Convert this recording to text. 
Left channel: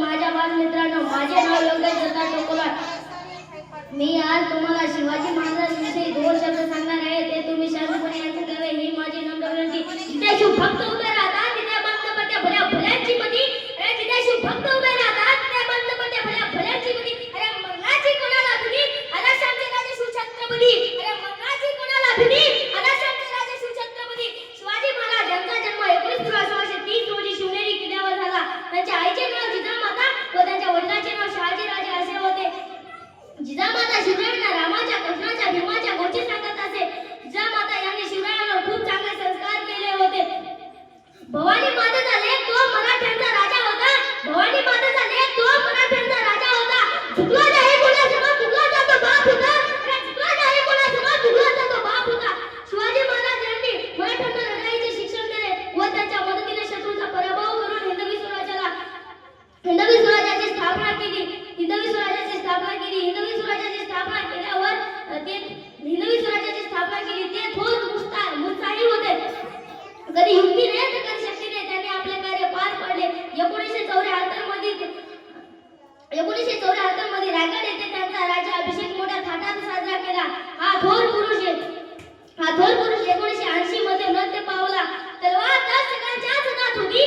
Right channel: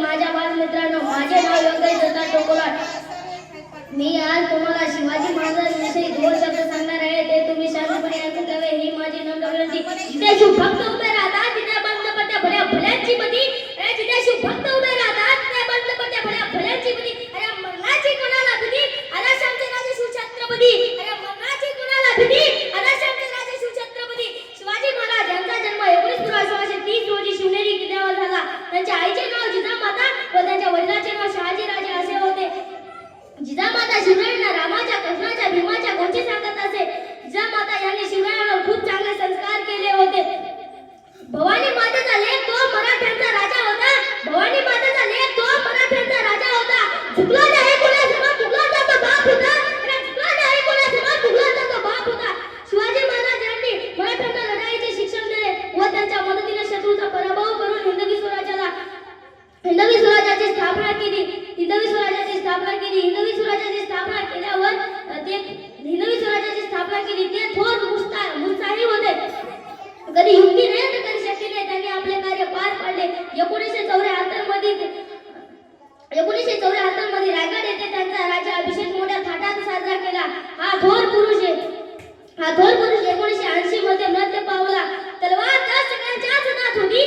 माझ्या बालमित्रांनो, माझे नाव योगेश दत्ता टोकोलाट. मी आज तुम्हाला शिवाजी महाराजांविषयी दोन शब्द सांगणार आहे. ते तुम्ही शांतपणे ऐकून घ्यावे ही माझी नम्र विनंती. जिथे शुभभक्त उभे राहतात तिथे बंद पट्ट्या भल्या भल्यांची मती. जिथे शुभभक्त उभे राहतात तिथे बंद पट्ट्या भल्या भल्यांची मती. अरे मरणाची कोणाला भीती, आदर्शांचे राजे शिवछत्रपती. अरे मरणाची कोणाला भीती, आदर्शांचे राजे शिवछत्रपती. शिवाजी महाराज यांचा जन्म 19 फेब्रुवारी 1630 रोजी शिवनेरी किल्ल्यावर झाला. त्यांच्या आईचे नाव जिजामाता व त्यांच्या वडिलांचे नाव शहाजीराजे असे होते. जिजामाता शिवरायांना रामाच्या, कृष्णाच्या, भीमाच्या गोष्टी सांगत असे. जिजामाता यांनी शिवरायांवर खूप चांगले संस्कार केले होते. भवानी मातेचा लेक तो मराठ्यांचा राजा होता. भवानी मातेचा लेक तो मराठ्यांचा राजा होता. झुकला नाही कोणासमोर, झुकला जातो बाप होता. अरे झुकला नाही कोणासमोर, झुकला जातो बाप होता. शिवाजी महाराज यांनी मराठ्यांना लढाईचे शिक्षण दिले व त्यांच्या मदतीने शत्रूचा पराभव करून हिंदवी स्वराज्याची स्थापना केली. हिंदवी स्वराज्याची स्थापना केल्यावर ते थोर मुत्साही होते. कधी युक्तीने तर कधी शक्तीने त्यांनी आपले कार्य पार पाडले. 1974 मध्ये रायगड येथे त्यांचा राज्याभिषेक मोठ्या थाटात साजरा केला. हा थोर पुरुष 1980 मध्ये मृत्यू पावला. तलवार 10 सेकंदाच्याच हातात होती.